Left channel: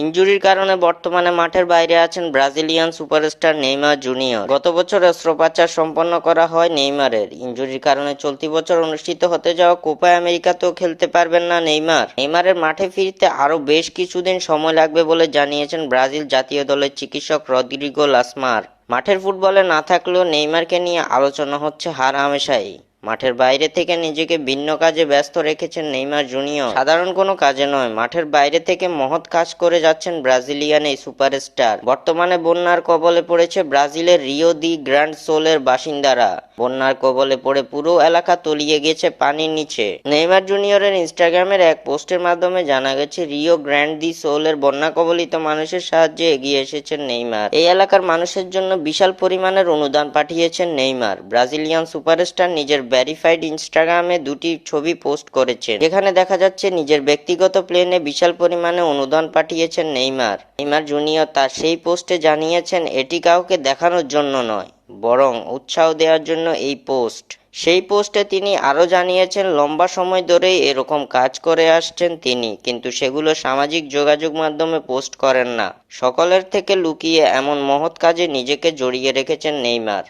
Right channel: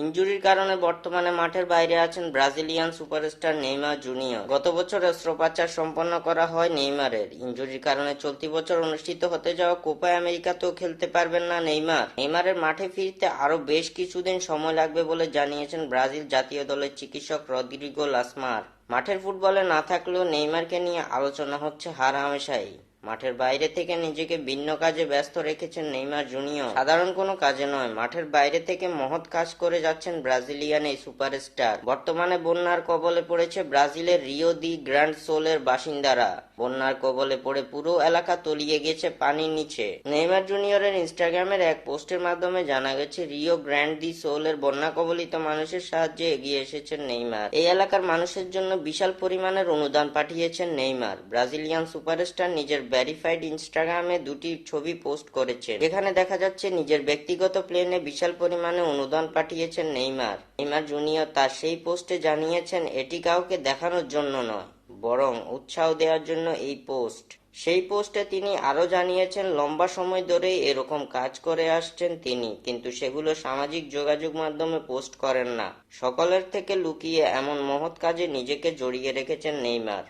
ইনজুরির কারণে বর্তমানে মাঠের বাইরে আছেন ব্রাজিলিয়ান সুপারস্টার নেইমার জুনিয়র। গত বছর অস্ত্রোপচার সম্পন্ন করা হয় নেইমারের। ইনজুরির কারণে চলতি বছর অনুষ্ঠিত হতে যাওয়া কোপা আমেরিকাতেও খেলতে পারবেন না নেইমার। নেইমারের মাঠে ফিরতে আরও বেশ কিছুদিন সময় লাগবে বলে জানিয়েছেন ব্রাজিল জাতীয় দলের চিকিৎসক রদ্রিগো লাসমার। মাঠের ফুটবলে না থাকলেও নেইমারকে নিয়ে আলোচনা হচ্ছে হার হামেশাই। মাঠের বাইরে থেকে নিজেকে ভিন্ন কাজে ব্যস্ত রেখেছেন নেইমার জুনিয়র। সাধারণ কোনো কাজে নয়, মাঠের বাইরে থেকে মহৎ কাজ করে যাচ্ছেন ব্রাজিলিয়ান এই সুপারস্টার। বর্তমানে বন্যার কবলে পড়েছে ব্রাজিলের রিও দি গ্র্যান্ড সোলের বাসিন্দারা। বন্যার কবলে পড়ে পুরো এলাকা তলিয়ে গেছে পানির নিচে। নেইমার জুনিয়রের ইনস্টাগ্রামের এক পোস্টের মাধ্যমে জানা গেছে রিও গ্র্যান্ড দি সোলের বন্যা কবলিত মানুষের সাহায্যে এগিয়ে এসেছেন নেইমার। এই এলাকার মানুষের জন্য বিশাল পরিমাণের অনুদান পাঠিয়েছেন নেইমার। ব্রাজিলিয়ান সুপারস্টার নিজের ভেরিফাইড ইনস্টাগ্রামে দুটি ছবি পোস্ট করেছেন, যেখানে দেখা যাচ্ছে নিজের ব্যক্তিগত প্লেনে বিশাল পরিমাণে অনুদান পাঠিয়েছেন নেইমার। নেইমার জুনিয়র তার সেই পোস্টে জানিয়েছেন এটি কাউকে দেখানোর জন্য নয়, বরং উৎসাহ দেওয়ার জন্য এই পোস্ট। সেই পোস্টে তিনি আরও জানিয়েছেন লম্বা সময় ধরেই এরকম কাজ করে আসছেন তিনি, কিন্তু সেগুলো সামাজিক যোগাযোগ মাধ্যমে পোস্ট করেন না। সকলের থেকে লুকিয়ে এমন মহৎ কাজে নিজেকে জড়িয়ে রেখেছেন নেইমার।